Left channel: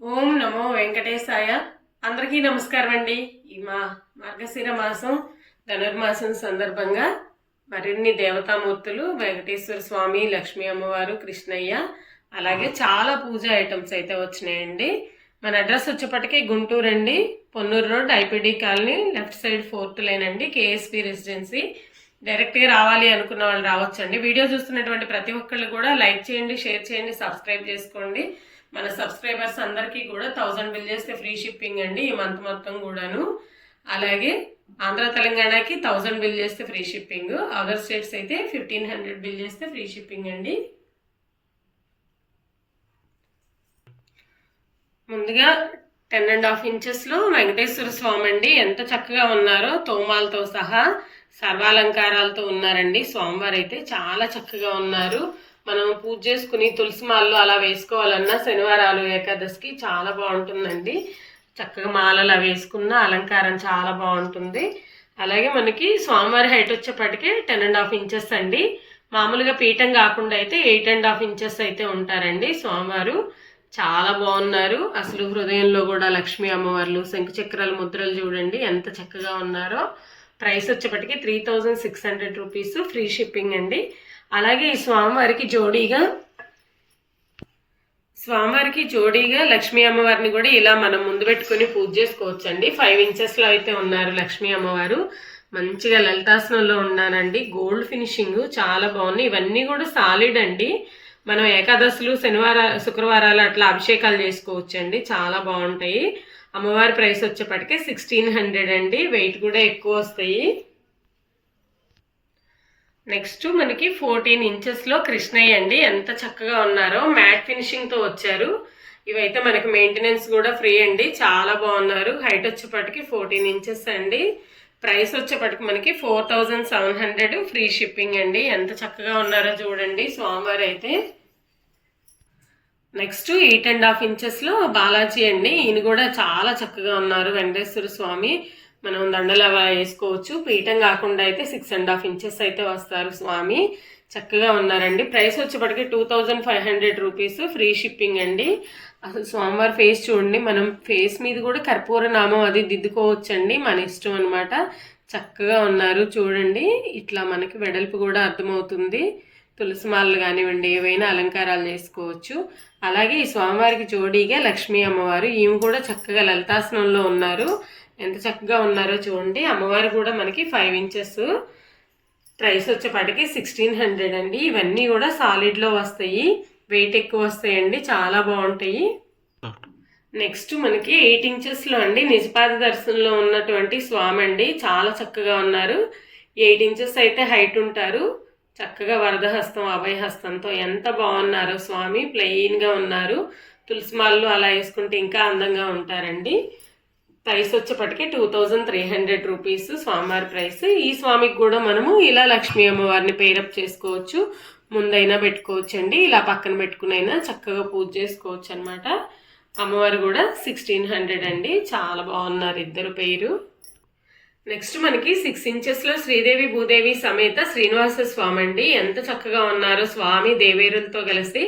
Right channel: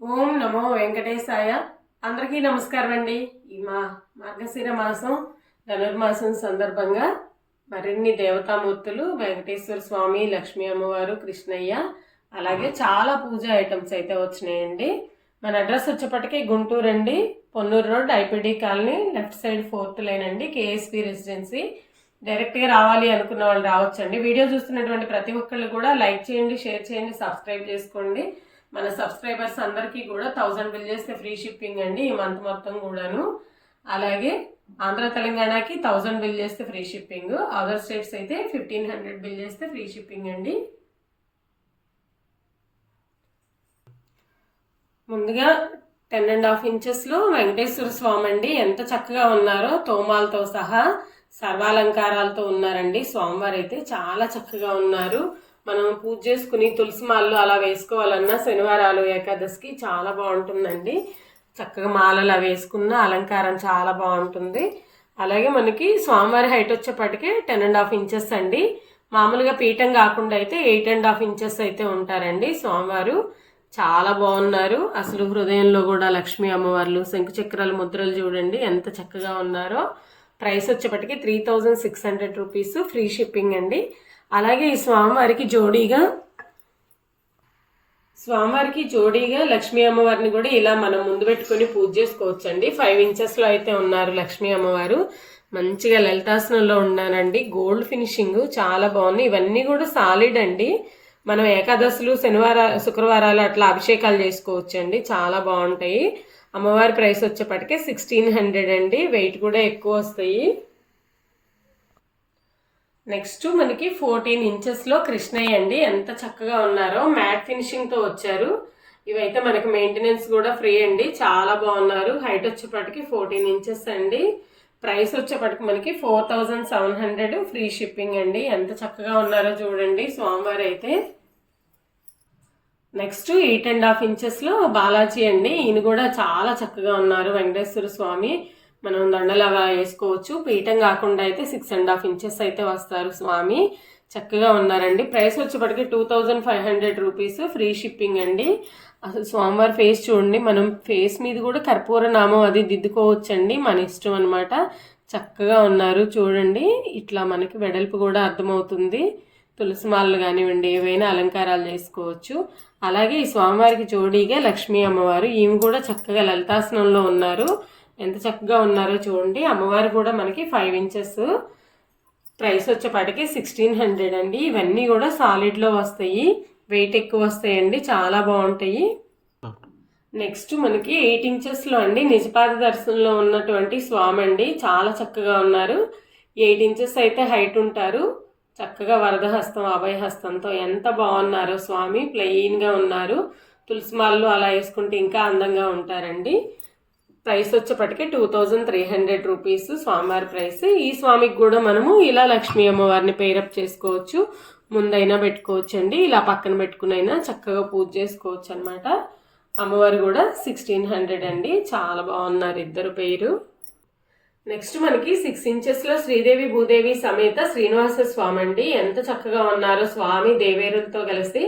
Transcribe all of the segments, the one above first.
ఓం నమో వెంకటేశాయ. అందరికీ నమస్కారం అండి. ఈ మార్గశిర మాసం ధనుర్మాసం సందర్భంగా మరిన్ని దేవతామూర్తులు వెంకటేశ్వర స్వామి, లక్ష్మీ అమ్మవారు, కృష్ణయ్య, అలాగే చాలా పూజా ఐటమ్స్ అయితే వచ్చినాయండి. మన అడ్రస్ వచ్చేప్పటికీ గుంటూరు అండి, Ponnur road, IPD colony, left side 4th line అండి, కేఎస్పీ రెసిడెన్సీ. డైరెక్ట్గా రావాలి అనుకున్న వాళ్ళు రావచ్చండి. వీడియో చూస్తున్నటువంటి ప్రతి ఒక్కళ్ళు కూడా లైక్ చేయండి, షేర్ చేయండి, సబ్స్క్రైబ్ చేసుకోండి. మన సబ్స్క్రైబర్స్ అందరికీ కూడా 1000 బిల్ చేస్తే ఫ్రీ షిప్పింగ్ అండి ఈ మంత్ మొత్తం కూడాను. అలాగే ఆంధ్ర తెలంగాణకి 1000 బిల్ చేస్తే ఫ్రీ షిప్పింగ్, అదర్ స్టేట్స్ అయితే 1500 బిల్ చేస్తే ఫ్రీ షిప్పింగ్ అండి. ముందుగా 10.5 ఇంచెస్లో వెంకటేశ్వర స్వామి అండి. ఎంత చక్కగా ఉన్నారో, తోమాలతో సహా సర్వాలంకారాలతో ఉన్నారండి. స్వామివారు అయితే చాలా చక్కగా ఉన్నారు. మనం పూజ చేసుకుని తులసి మాలలు అలా వేసుకోవాలన్నా శనివారాలు, ఏకాదశికి చాలా బాగుంటుందండి. చక్కగా మాలలు అవి వేసుకున్న అలంకారం చాలా బాగుంటుంది. అలాగే మనకి స్వామివారి హైట్ వచ్చేప్పటికే 10.5 ఇంచెస్ అండి. మామూలుగా పీఠం కాకుండా అయితే 8.5 ఇంచెస్ అయితే ఉంటారండి. స్వామివారు చాలా బాగున్నారు. అసలు హృదయంలో కూడా లక్ష్మీ అమ్మవార్లు, శంకు చక్రాల ముద్రలు చూడండి ఎంత చక్కగా ఉన్నారో. ప్రైస్ వచ్చేప్పటికి 3600 రూపీస్, ఫ్రీ షిప్పింగ్ అండి. అలాగే ఈ స్వామివారికి జోడీగా లక్ష్మీ అమ్మవారిని కూడా ఇలా మనం ముందు పెట్టుకుని పూజ చేసుకోవచ్చండి. 5 ఇంచెస్లో అయితే ఉన్నారు లక్ష్మీ అమ్మవారు. మంచిగా లలితాసనంలో ఉన్నారండి. గోల్డ్ ఫినిషింగ్ చాలా బాగుంది. ఇవన్నీ కూడా సాలిడ్ అండి. మనం ఏకాదశులు, శుక్రవారాలు అట్లా అభిషేకాలు చేసుకోవచ్చండి. చాలా బాగుంటాయి. అమ్మవారి ప్రైస్ వచ్చేప్పటికే 1600 అండి. వెయిట్ కూడా ఎక్కువ వస్తాయి. నెక్స్ట్ మనకి 14 ఇంచెస్లో కృష్ణయ్య అండి. ఎంత చక్కగా ఉన్నారో, మ్యాట్ ఫినిషింగ్తో వచ్చారు. ఇవైతే మనకి మెయింటెనెన్స్ కూడా ఫ్రీ అండి. చాలా బాగున్నారు. హైట్ వచ్చేప్పటికి 14 ఇంచెస్ అండి. ప్రైస్ వచ్చేప్పటికి మనకి 4700, ఫ్రీ షిప్పింగ్ అండి. ఎంత చక్కగా ఉన్నారో చూడండి స్వామివారు అయితే. నెక్స్ట్ 8.5 ఇంచెస్లో బాలాజీ అండి. ఈయన కూడా చాలా చక్కగా ఉన్నారు. వెంకటేశ్వర స్వామి మనం దండలు అలా వేసుకోవచ్చు. పీఠం కాకుండా అయితే 6.5 ఇంచెస్ అయితే వస్తారు స్వామి. చక్కగా ఉన్నారండి. ప్రైస్ వచ్చేప్పటికి 2500 రూపీస్, ఫ్రీ షిప్పింగ్ అండి. అసలు స్వామివారి ఫేస్ చూడండి. మనం ఫేస్ మీద కూడా కర్పూర నామం అది దిద్దుకోవచ్చండి, మన ఇష్టం అనమాట. చక్కగా ఉన్నారు చూడండి. ఇట్లా మనకి వెడల్పు కూడా అర్థమవుతుంది. తులసి మాలలు కానివ్వండి, ఏవైనా అలంకారాలు చేసుకోవచ్చు. అలాగే ఈ స్వామివారికి జోడీగా లక్ష్మీ అమ్మవారు, ఈమె కూడా చక్కగా లలితాసనంలో ఉన్నారు. ఎంత చక్కగా ఉన్నారో చూడండి. అమ్మవారు కూడా మనకి 5 ఇంచెస్. ప్రైస్ వచ్చేపాటికి 1600 అండి. ఇవన్నీ కూడా సాలిడ్లో వస్తాయి, వెయిట్ ఎక్కువ వస్తాయండి, చాలా బాగుంటాయి. నెక్స్ట్ మనకి 8 ఇంచెస్లో అండి నిజపాద దర్శనంలో ఉన్నటువంటి స్వామి అండి. చాలా చక్కగా ఉన్నారు. 8 ఇంచెస్ అయితే హైట్ ఉంటారు. చక్కగా వరదహస్తం, అభయహస్తంతో ఎంత బాగున్నారో స్వామి. ప్లెయిన్గా ఉన్నారు. తులసిమాలలు అలా వేసుకుంటే ఇంకా అందంగా ఉంటారండి. ప్రైస్ వచ్చేప్పటికి 2300 రూపీస్ స్వామివారి ప్రైస్. ఈ స్వామికి కూడా మనము ఇలా లక్ష్మీ అమ్మవారిని పేరప్ చేసుకోవచ్చు. ముందైనా పెట్టుకోవచ్చండి, ఇలా పక్కన పెట్టుకునైనా చక్కగా పూజ చేసుకోవచ్చు అనమాట. అమ్మవారు కూడా 1600 అండి. చాలా బాగున్నారు ఇద్దరు పేరు. నెక్స్ట్ మనకి 6 ఇంచెస్లో శ్రీదేవి భూదేవి సమేత శ్రీనివాస స్వామి అండి. ఎంత చక్కగా ఉన్నారు స్వామి దేవేరులతో కలిసి.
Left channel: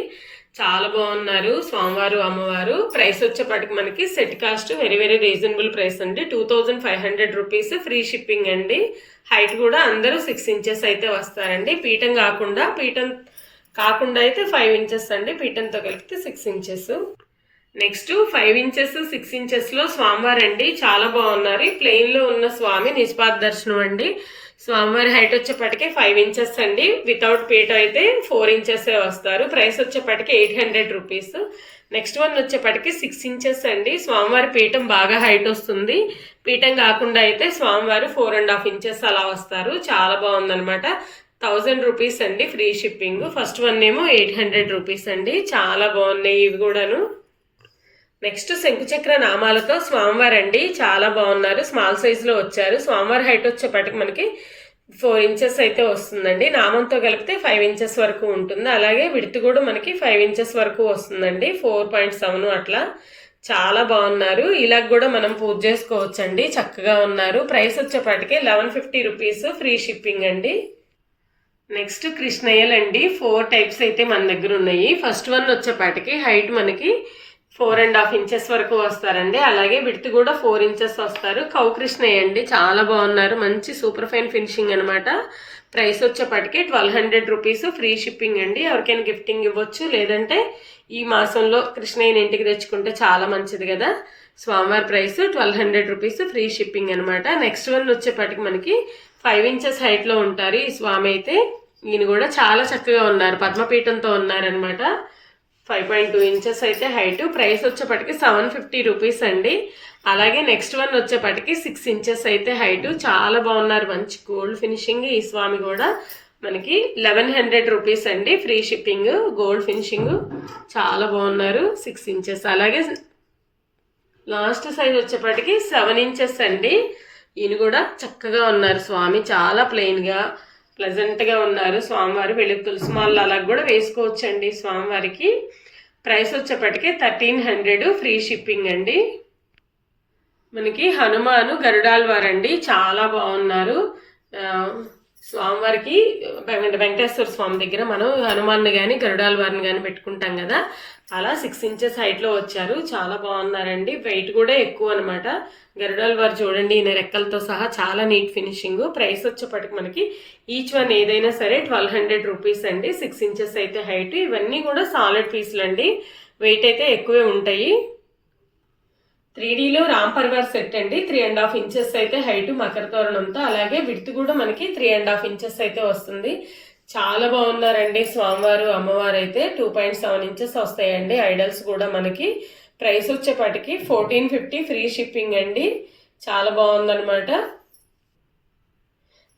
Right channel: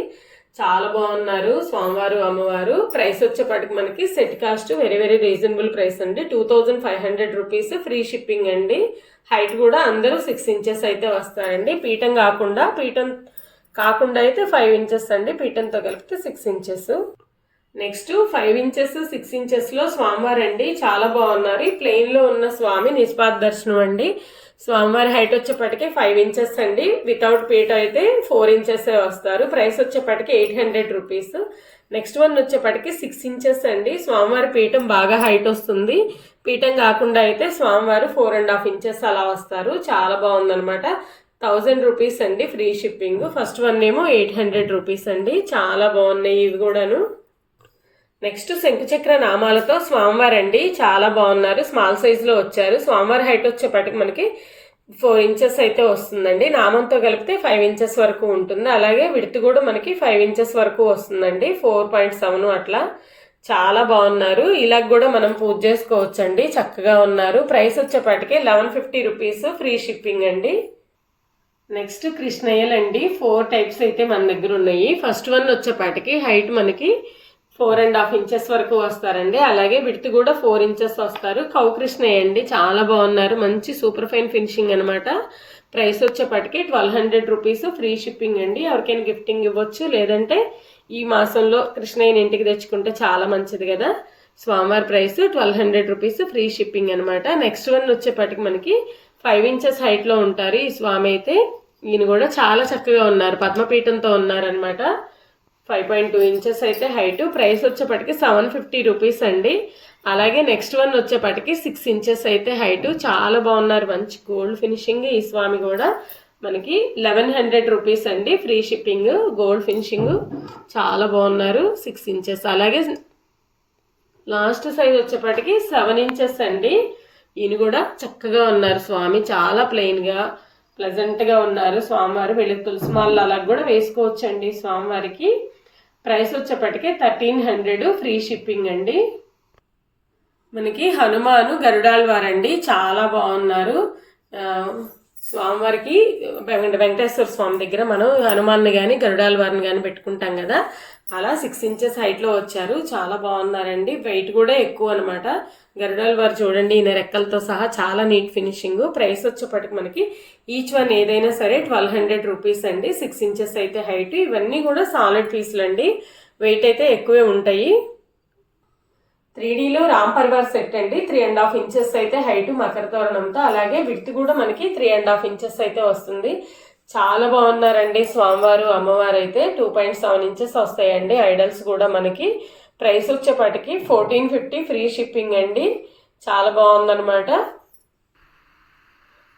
చాలా బాగున్నారు స్వామివారు, అమ్మవారు. ప్రైస్ వచ్చేప్పటికి మనకి set cost very reasonable price అండి. 2500 రూపీస్, ఫ్రీ షిప్పింగ్ అండి. హైట్ కూడా అందరూ 6 ఇంచెస్ అయితే వస్తారండి. పీఠం కాకుండా అయితే 5 ఇంచెస్ అండి. పీఠంతో కలిపితే 6 ఇంచెస్. నెక్స్ట్ 5 ఇంచెస్, 6 ఇంచెస్లో స్వామివారు అండి. చాలా బాగున్నారు. ప్లెయిన్లో ఉన్న స్వామి నిజపాద దర్శనం అండి. స్వామివారి హైట్ వచ్చేప్పటికే 5 ఇంచెస్ అండి. వితౌట్ పీఠ అయితే 4 ఇంచెస్ వస్తారు. ప్రైస్ వచ్చేప్పటికి 800 రూపీస్. నెక్స్ట్ వన్ వచ్చేప్పటికి 6 ఇంచెస్ అండి. స్వామివారి పీఠం బాగా హైట్ వస్తుంది. పీఠం కాకుండా అయితే స్వామివారు 4.5 ఇంచెస్ అలా వస్తారు. చాలా బాగుందనమాట. 1000 రూపీస్ అండి, ఫ్రీ షిప్పింగ్. ఫస్ట్ వన్ ఏమో 800 రూపీస్ అండి. చాలా బాగున్నాయి ఇవి కూడాను. నెక్స్ట్ శంకుచక్ర నామాలతో స్వామివారు అండి. చాలా బాగున్నారు. స్మాల్ సైజులో వచ్చారు. స్వామివారి హైట్ వచ్చేప్పటికి మనకి 4 ఇంచెస్ అయితే వస్తుందండి. నామంతో కలిపితే 5 ఇంచెస్ వరకు ఉంటుంది. అలాగే విడత్ కూడా మనకి 5 ఇంచెస్ వరకు వస్తుందండి. 4.7 అట్లా. చాలా బాగున్నారు. ఇలా కూడా మనం పూజ చేసుకోవచ్చండి. చక్కగా ఉన్నారు. ప్రైస్ వచ్చేప్పటికి 1150 రూపీస్, ఫ్రీ షిప్పింగ్ అండి. నెక్స్ట్ కృష్ణయ్యలు అండి. 4 టైప్స్ అయితే మన దగ్గర ఉన్నాయి. ఫస్ట్ వన్ వచ్చేపాటికి హైట్ మనకి 4.5 ఇంచెస్ వరకు వస్తారండి. అలాగే విడ్త్ కూడా 4 ఇంచెస్ వస్తారు. కౌకృష్ణయ్య అండి, చాలా బాగున్నారు. మంచి సూపర్ ఫైన్ ఫినిషింగ్ అనమాట. ప్రైస్ వచ్చేపటికి 1200 రూపీస్, ఫ్రీ షిప్పింగ్ అండి. ఎవరికైనా గిఫ్టింగ్ ఇవ్వచ్చు, లేదంటే ఈ మాసంలో కృష్ణయ్యని ఇంటికి తెచ్చుకుంటే చాలా మంచిది కదా. స్వామివారి ప్రైస్ 1200 రూపీస్, ఫ్రీ షిప్పింగ్ అనమాట. నెక్స్ట్ వన్ వచ్చేపటికి మనకి 5 ఇంచెస్ హైట్లో ఉంటారు ఈ స్వామి అయితే. ఈయన కూడా చాలా చక్కగా ఉన్నారు, పద్మపీఠంతో ఉన్నారనమాట. 5.2 ఇంచెస్ అయితే హైట్. ప్రైస్ వచ్చేపటికి 750 రూపీస్ అండి. అలాగే నెక్స్ట్ వన్ వచ్చేపటికి 6 ఇంచెస్ అయితే హైట్. చాలా బాగున్నారు, మంచి గోల్డ్ ఫినిషింగ్. ఈ స్వామి కూడా మనకి 1100 రూపీస్ అండి, ఫ్రీ షిప్పింగ్. గోల్డ్ ఫినిషింగ్ చాలా బాగున్నారు, 6 ఇంచెస్. అలాగే లాస్ట్ సైజ్ వచ్చేపటికి 7 ఇంచెస్ అండి. ఈయన కూడా చక్కగా ఉన్నారు స్వామి, చాలా ప్లెయిన్గా ప్లెజెంట్గా ఉన్నారు స్వామివారు. వెలుగు తులసి మాలలు అలా కూడా వేసుకోవచ్చండి స్వామివారికి. ప్రైస్ వచ్చేపటికి 1300, ఫ్రీ షిప్పింగ్ అండి. మనకి హనుమాను గరుడాల్వారండి, చాలా బాగున్నారు. స్వామివారికి వెంకటేశ్వర స్వామి దగ్గర మనం హనుమాన్ని కానీ గరుడాల్వారిని కానీ పెట్టుకుంటాం కదా, అలా 6 ఇంచెస్ హైట్లో వచ్చారు. చాలా బాగున్నారండి. వెయిట్ కూడా ఎక్కువ అనమాట. గరుడాల్వారు చూడండి, ఈయన రెక్కలతో సహా చాలా నీట్ ఫినిషింగ్. ప్రైస్ వచ్చేపటికి మనకి ఈచ్ వన్ ఏదైనా సరే 1200 రూపీస్ అండి. 6 ఇంచెస్ అయితే హైట్. ఇవన్నీ కూడా సాలిడ్ పీసులు అండి, వెయిట్ అయితే ఎక్కువే ఉంటాయి. 3Dలో రామ్ పరివార్ సెట్ అండి. 3.5 ఇంచెస్ అయితే హైట్ మకర తోరణంతో. అలాగే విడ్త్ కూడా మనకి 3.5 ఇంచెస్ అయితే వస్తుంది. చాలా బాగున్నారండి స్వామివారు అమ్మవారు అయితే. 2.7 ఇంచెస్ వస్తాయండి ఐడల్స్ కూడా మనకి. ప్రైస్ వచ్చేపటికి 1450, ఫ్రీ షిప్పింగ్ అండి. చాలా బాగుందనమాట.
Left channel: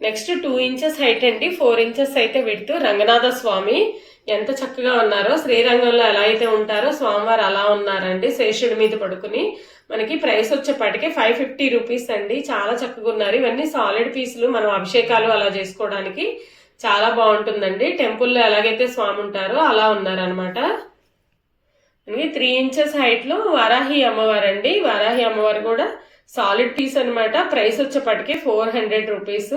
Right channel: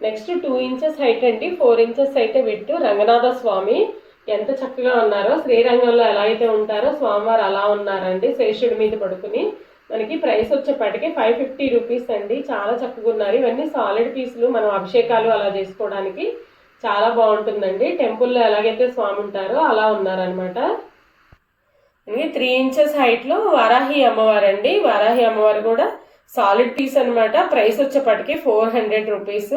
నెక్స్ట్ 2 ఇంచెస్ హైట్ అండి, 4 ఇంచెస్ అయితే విడ్త్. రంగనాథ స్వామి ఎంత చక్కగా ఉన్నారో, శ్రీరంగంలో ఎలా అయితే ఉంటారో స్వామివారు అలా ఉన్నారండి, శేషుడి మీద పడుకుని. మనకి ప్రైస్ వచ్చేపటికి 550 రూపీస్ అండి. చాలా చక్కగా ఉన్నారు. ఇవన్నీ సాలిడ్ పీసులు, మనం అభిషేకాలు అలా చేసుకోవడానికి చాలా బాగుంటుందండి. టెంపుల్లో ఎలాగైతే స్వామి ఉంటారో అలా ఉన్నారనమాట. మనకి 3 ఇంచెస్ హైట్లో వారాహి అమ్మవారు అండి. వారాహి అమ్మవారు కూడా సాలిడ్ పీస్ అనమాట. ప్రైస్ వచ్చేపటికి 400 రూపీస్.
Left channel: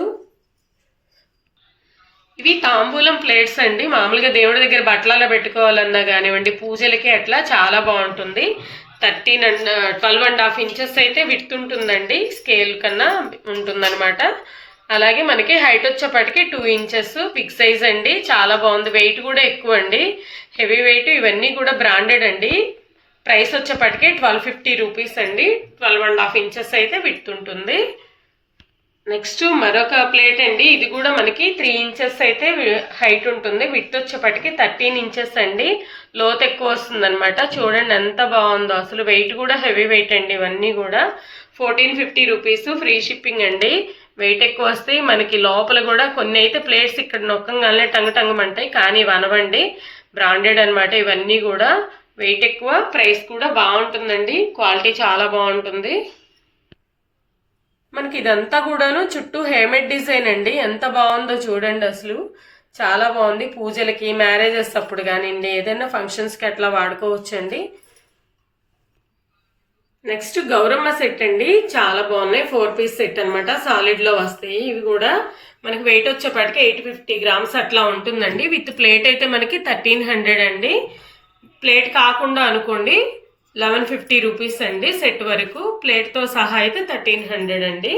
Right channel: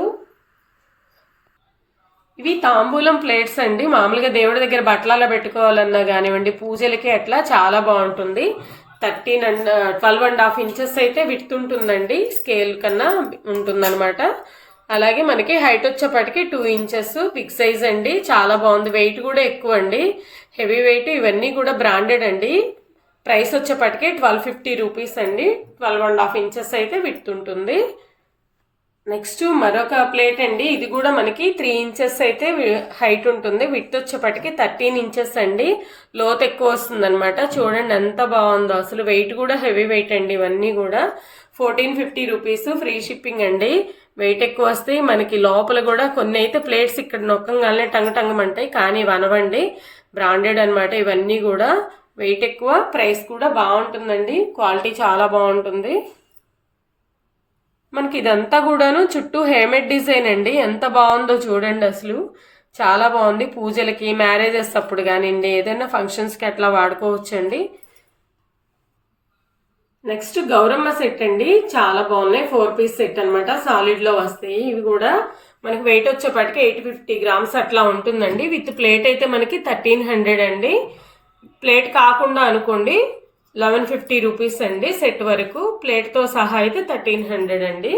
ఇవి తాంబూలం ప్లేట్స్ అండి. మామూలుగా దేవుడి దగ్గర బట్టలలో పెట్టుకోవాలన్నా కానివ్వండి, పూజలకి అట్లా చాలా బాగుంటుంది. 12.5 ఇంచెస్ అయితే విడ్త్ ఉంటుందండి, స్కేల్ కన్నా ఉంటుందన్నమాట. అలాగే మనకి హైట్ వచ్చేపటికి 2 ఇంచెస్, బిగ్ సైజ్ అండి. చాలా బాగుంది, వెయిట్ కూడా ఎక్కువ అండి, హెవీ వెయిట్. ఇవన్నీ కూడా బ్రాండెడ్ అండి. ప్రైస్ వచ్చేపటికి 1250 రూపీస్ అండి. 12.5 ఇంచెస్ అయితే విడ్త్ ఉంటుంది. నెక్స్ట్ మరొక ప్లేట్ అండి. ఇది కూడా మనకి 3 ఇంచెస్ అయితే హైట్ ఉంటుంది. విడ్త్ వచ్చేపటికి 13 ఇంచెస్ అండి. లోత్ ఎక్కువ వస్తుంది అనమాట. చూడండి ఎంత బాగుందో అసలు. వెయిట్ కూడా హెవీ వెయిట్ అండి. ఇవన్నీ కూడా 1450 రూపీస్, ఫ్రీ షిప్పింగ్ అండి. వెయిట్ ఎక్కువ వస్తాయి మనకి. లోపల కూడా కొన్ని అయితే ప్లేట్స్ ఇక్కడ నొక్కంగానే టంగమంటాయి, కానీ వనవండి, బ్రాండెడ్ అనమాట. ఇవన్నీ కూడా వెయిట్ ఎక్కువ, ప్రైస్ కూడా బాగుంటుందండి. క్వాలిటీ చాలా బాగుంటుంది. మనకి ఇదంతా కూడాను చుట్టూ హేమేడ్ డిజైన్ అండి. ఎంత బాగుందో చూడండి అసలు, చాలా బాగుంది. పూజలకి, మ్యారేజెస్ అప్పుడు కానివ్వండి, ఏదైనా ఫంక్షన్స్కి అట్లా వాడుకోవచ్చండి. నెక్స్ట్ గౌరమ్మ సెట్ అండి. చాలా బాగున్నాయి. 4 పీస్ సెట్ అనమాట, సాలిడ్లో వస్తాయి. ఇవి కూడా మనకి వెయిట్ వచ్చేపటికి 850 గ్రామ్స్ అట్లా ఉంటుందండి. విత్ ప్లేట్ అయితే మనకి 1300 అండి. ప్లేట్ కాకుండా అనుకోండి 1150 రూపీస్ అండి సెట్ వరకు. ప్లేట్తో సహా అయితే 1300 అండి.